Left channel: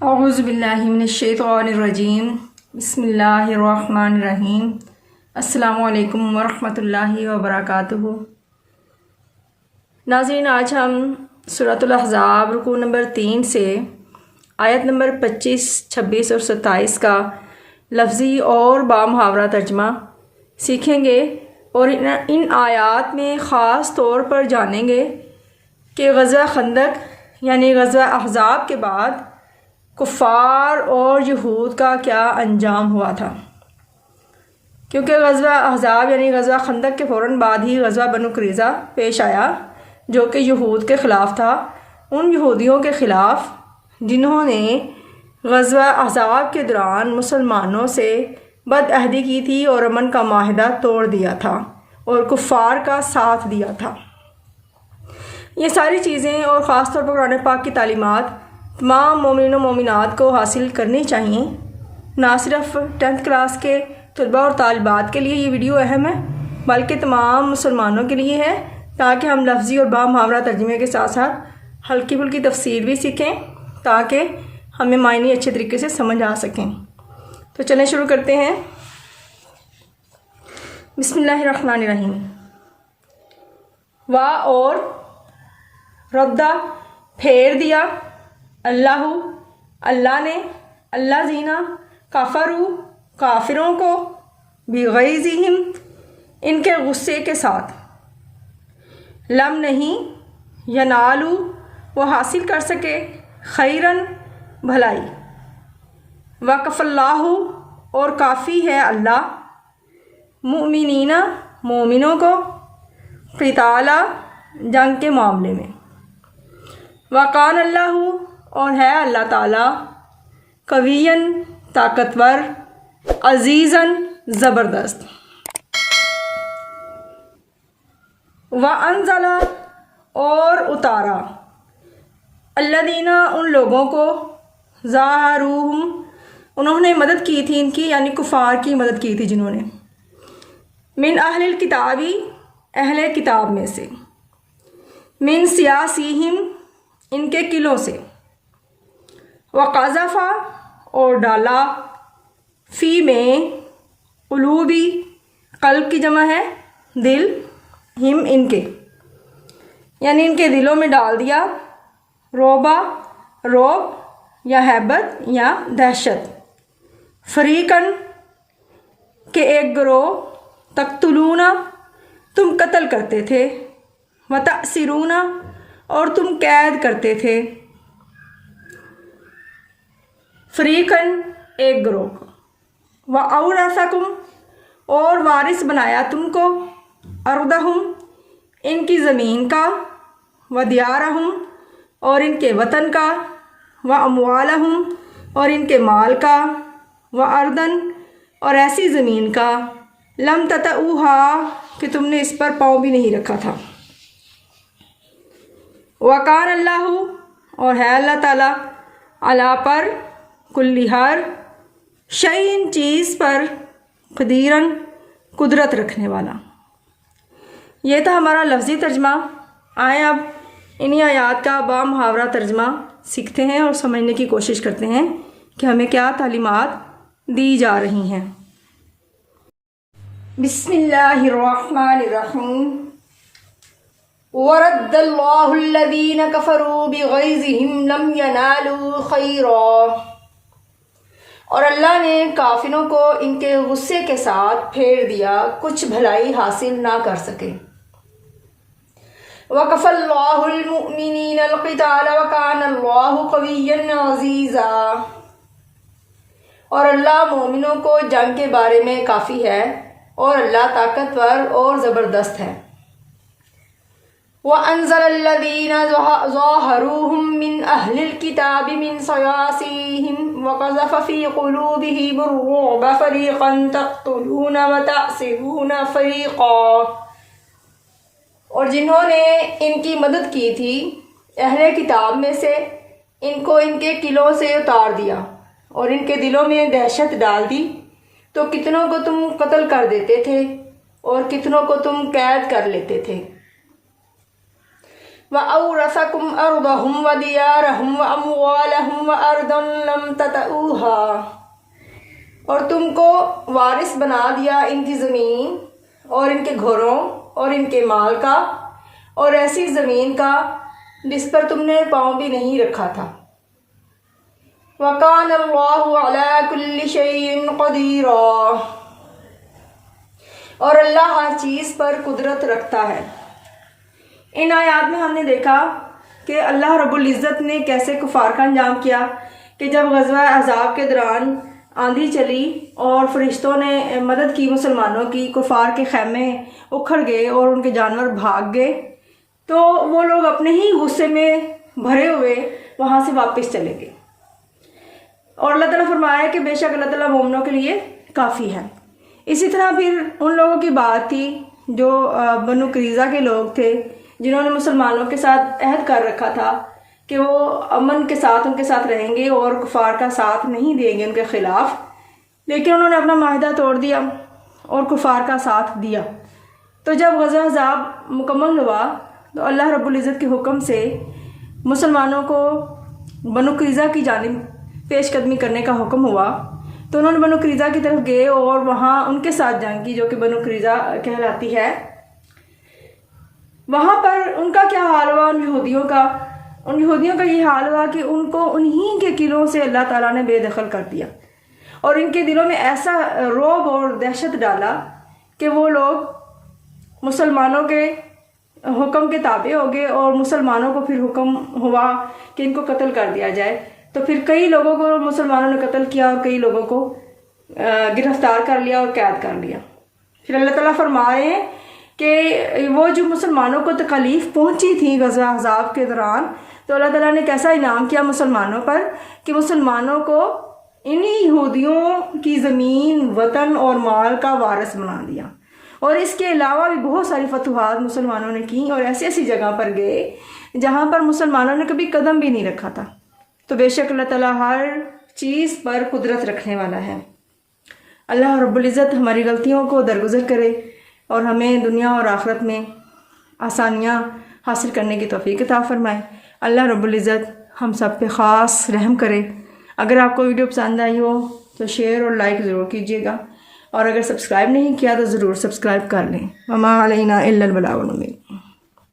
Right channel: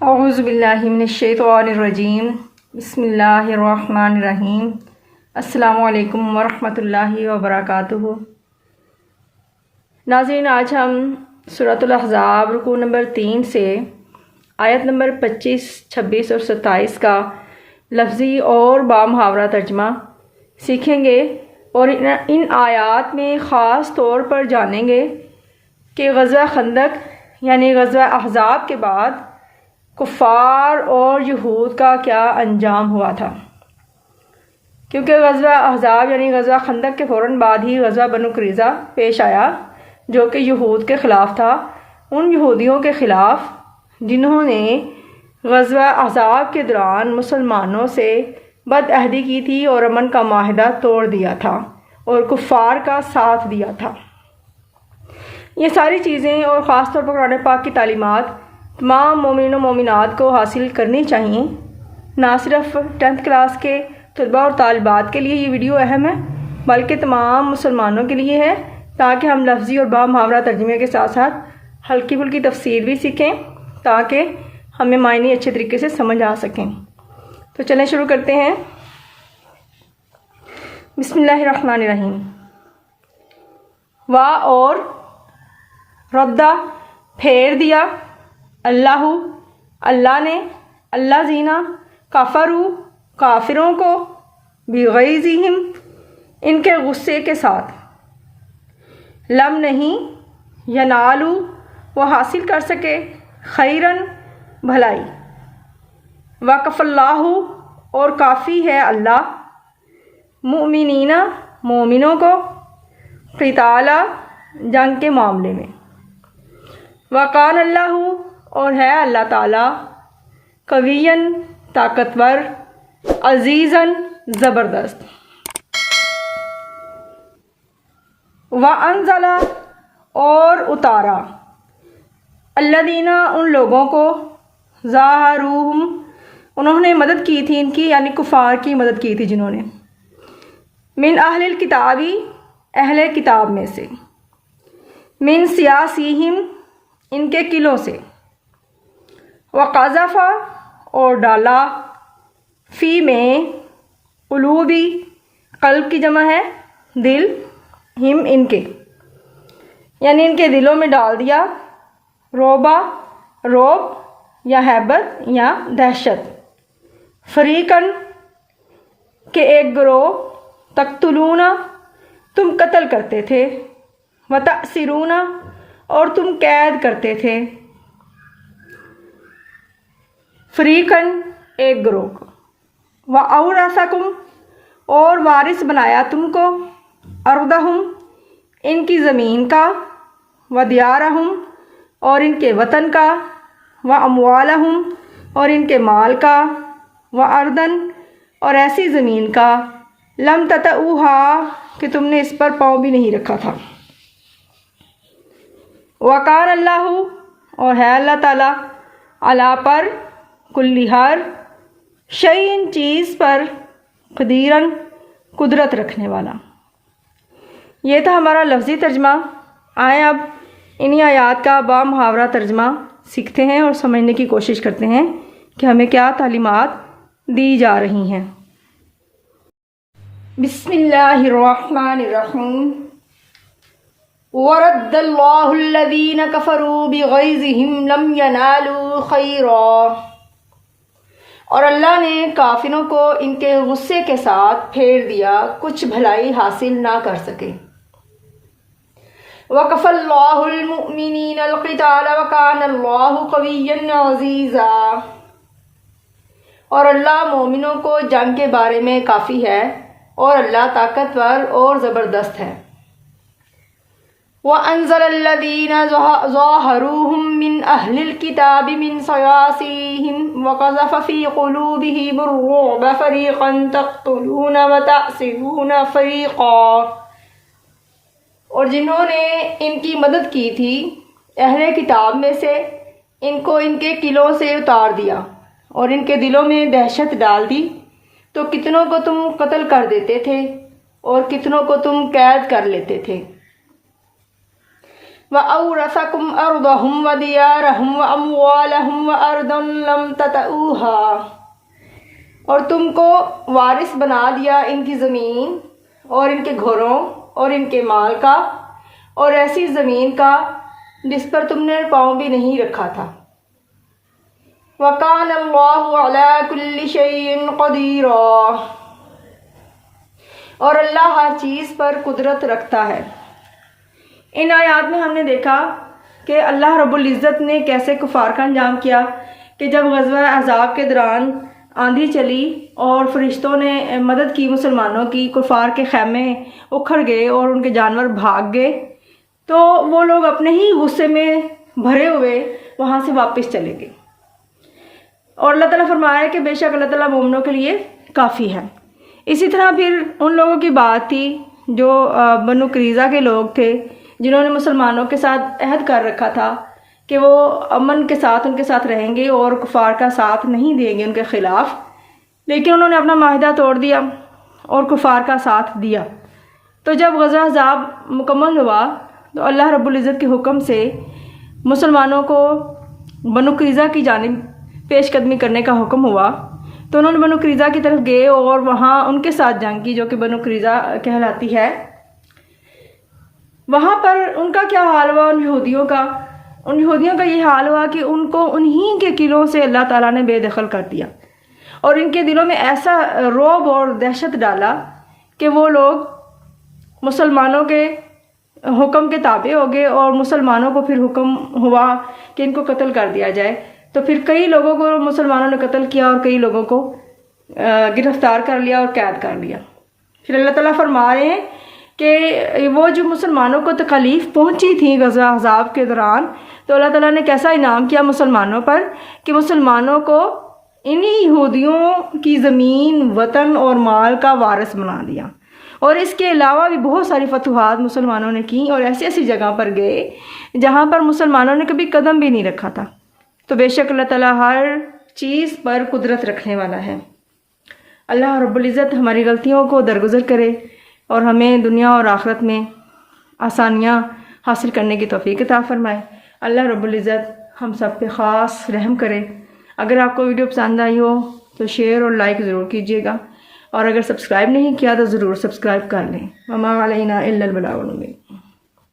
اعوذ باللہ من الشیطان الرجیم بسم اللہ الرحمن الرحیم السلام علیکم ورحمۃ اللہ وبرکاتہ۔ ناظرین، آج ہم سورۃ الاحزاب رکوع نمبر 3 سے آیت نمبر 25، 26 اور 27 کا لفظی اور بامحاورہ ترجمہ سیکھیں گے اور ان آیات میں خاص طور پر جانیں گے کہ غزوہ خندق یعنی غزوہ احزاب کے بعد کفار اور یہود کا کیا انجام ہوا تھا، کیونکہ غزوہ احزاب یعنی غزوہ خندق کے فوراً بعد ہی غزوہ بنو قریظہ پیش آیا جو کہ یہود کے خلاف تھا، ان یہودیوں کے خلاف جنہوں نے غزوہ احزاب کے دوران مسلمانوں سے بد عہدی کی تھی اور امن کا معاہدہ توڑ دیا تھا اور کفار کا ساتھ دیا تھا۔ یہ ساری چیزیں اور خاص طور پر قرآن پاک کی تعلیمات تمام مومنین و مومنات کو حاصل کرنی چاہیے۔ نہ صرف 10th کلاس کے طلباء اور طالبات کے لیے یہ ویڈیو اہم ہے بلکہ تمام مسلمانوں کے لیے ہے، تاکہ ہم لفظی اور بامحاورہ ترجمے کے ساتھ ساتھ ہلکی پھلکی تفسیر بھی سیکھیں تاکہ ہمیں معنی اچھے طریقے سے سمجھ آ سکیں۔ تو چلیں شروع کرتے ہیں۔ بسم اللہ الرحمن الرحیم۔ وا اور ردہ پھیر دیا، اللہ نے، اللہ زینہ کفروا کافروں کو، بغیظہم ان کے غصے کے ساتھ، لم نہیں، ینالو وہ حاصل کر سکے، خیرن بھلائی، وکف اللہ اور کافی ہے اللہ، مؤمنین مومنوں کو، قتالا جنگ کے معاملے میں، وکان اللہ اور ہے اللہ تعالیٰ، قویًا طاقتور، عزیزاً زبردست، وانزل اور اتارا، الذین ان لوگوں کو، ظاہروہم انہوں نے مدد کی تھی ان کی یعنی کفار کی مدد کی تھی جنہوں نے، من اہل الکتابی اہل کتاب میں سے، من سیاسیہم ان کے قلعوں سے، وقذف اور ڈالا، فی میں، قلوبی قلب کی جمع ہے دل، ہم ان کے یعنی ان کے دلوں میں ڈال دیا، روبا روب یا ہیبت یا دہشت، فریقاً کہ ایک گروہ، تقتلون تم قتل کرتے تھے، وتأسرون اور تم قید کرتے تھے، فریقاً ایک گروہ کو، وَأَوْرَثَكُمْ اور وارث بنایا تم کو، أَرْضَهُمْ ان کی زمین کا، وَدِيَارَهُمْ اور ان کے وطن کا، وَأَمْوَالَهُمْ اور ان کے مال کا، وَأَرْضًا اور ایسی زمین کا، لم تطئوها کہ تم نے اس پر پاؤں بھی نہیں رکھا تھا، وَقَانَ اللہ اور ہے اللہ تعالیٰ، علی پر، کل ہر، شیء چیز پر، قدیراً قدرت رکھنے والا۔ یہ تھا ہمارا لفظی ترجمہ۔ آئیں اب انہی آیات کا بامحاورہ ترجمہ سیکھتے ہیں اور سمجھنے کی کوشش کرتے ہیں کہ ہمیں کیا تعلیمات دی جا رہی ہیں۔ بسم اللہ الرحمن الرحیم۔ وَرَدَّ اللَّهُ الَّذِينَ كَفَرُوا بِغَيْظِهِمْ لَمْ يَنَالُوا خَيْرًا اور اللہ نے کافروں کو ان کے غصے کے ساتھ پھیر دیا، کچھ بھلائی حاصل نہ کر سکے، وَكَفَى اللَّهُ الْمُؤْمِنِينَ الْقِتَالَ وَكَانَ اللَّهُ قَوِيًّا عَزِيزًا اور اللہ مومنوں کو جنگ کے بارے میں کافی ہے اور اللہ طاقتور اور زبردست ہے، وَأَنزَلَ الَّذِينَ ظَاهَرُوهُم مِّنْ أَهْلِ الْكِتَابِ مِنْ صَيَاصِيهِمْ وَقَذَفَ فِي قُلُوبِهِمُ الرُّعْبَ فَرِيقًا تَقْتُلُونَ وَتَأْسِرُونَ فَرِيقًا اور جنہوں نے ان کی مدد کی تھی اہل کتاب میں سے، ان کو ان کے قلعوں سے اتار دیا اور ان کے دلوں میں دہشت ڈال دی، تو کتنوں کو تم قتل کر دیتے تھے اور کتنوں کو تم قید کر لیتے تھے، وَأَوْرَثَكُمْ أَرْضَهُمْ وَدِيَارَهُمْ وَأَمْوَالَهُمْ وَأَرْضًا تطئوها، اور تم کو وارث بنا دیا ان کی زمین اور ان کے گھروں اور ان کے مال کا، اور ایسی زمین کا جس پر تم نے پاؤں بھی نہیں رکھا تھا۔ وَكَانَ اللَّهُ عَلَى كُلِّ شَيْءٍ قَدِيرًا، اور اللہ ہر چیز پر قدرت رکھتا ہے۔ ان آیات میں ہم نے دیکھا کہ اللہ رب العزت نے کیسے کفار کا انجام کیا کہ جب غزوہ احزاب کے دوران آندھی چلی اور فرشتوں نے مدد کی مسلمانوں کی، کفار کے خیمے اکھڑ گئے اور ان کے جانور بھاگ گئے، تو وہ لوگ اپنے ہی غصے میں بھرے ہوئے وہاں سے واپس چلے گئے۔ اور اللہ تعالیٰ فرمایا کہ بے شک اللہ تعالیٰ مومنوں کے لیے کافی ہے۔ اسی طرح پھر ان لوگوں کی بات تھی جو بنو قریظہ کے لوگ تھے، جنہوں نے مسلمانوں کے ساتھ عہد کر رکھا تھا کہ وہ امن کے ساتھ ان کے ساتھ رہیں گے اور کفار کا ساتھ نہیں دیں گے ان کے خلاف، لیکن انہوں نے اپنا معاہدہ توڑ دیا اور کفار کا ساتھ دیا۔ تو جب غزوہ احزاب مکمل ہوا تو اللہ رب العزت کے حکم سے مسلمانوں کو بنو قریظہ کی جانب پیش قدمی کرنے کا حکم ہوا، تو انہوں نے بنو قریظہ کی طرف گئے اور وہاں ان کے ساتھ جنگ کی، جو کہ بنو قریظہ کہلاتی ہے۔ وہاں پر ان کا کیا حال ہوا؟ ان یہودیوں کا یہ حال ہوا کہ ان کو انہی کے قلعوں سے اللہ تعالیٰ نے بے دخل کر دیا، اور ان کے دلوں میں ایسا رعب اور دہشت ڈالا کہ وہ لوگ مسلمانوں کے حکم کے تابع ہو گئے، اور مسلمانوں کو پھر حکم ہوا کہ ان کو قتل کر دیا جائے۔ تو پھر کئی لوگوں کو مسلمانوں نے قتل کیا اور کئی لوگوں کو گرفتار کر لیا اور قید کر لیا۔ پھر اللہ تعالیٰ فرما رہے ہیں کہ وہ جو مسلمانوں کو تکالیف پہنچی تھی غزوہ احزاب کے دوران، تو اللہ تعالیٰ نے کیسا انعام کیا مسلمانوں پر کہ مسلمانوں کو انہی یہودیوں کی زمین، وطن اور مال کا وارث بنا دیا، اور اس کے علاوہ بھی بہت ساری فتوحات مسلمانوں نے کی اور ایسی ایسی جگہ پر گئے جہاں پر مسلمانوں نے کبھی قدم بھی نہیں رکھا تھا۔ تو بے شک اللہ تعالیٰ ہر چیز پر قدرت رکھنے والا ہے۔ اللہ رب العزت ہماری غلطیوں کو درگزر کرے اور ہمیں دنیا اور آخرت میں آسانیاں حاصل کرنے کی توفیق عطا فرمائے۔ اللہ رب العزت ہم سب پہ خاص رحم کرے۔ اگر آپ کو ویڈیو پسند آئی ہو تو شیئر اور لائک ضرور کیجیے گا، اور اگر سبسکرائب نہیں کیا تو ضرور سبسکرائب کر لیں۔ وما علینا الا البلاغ المبین۔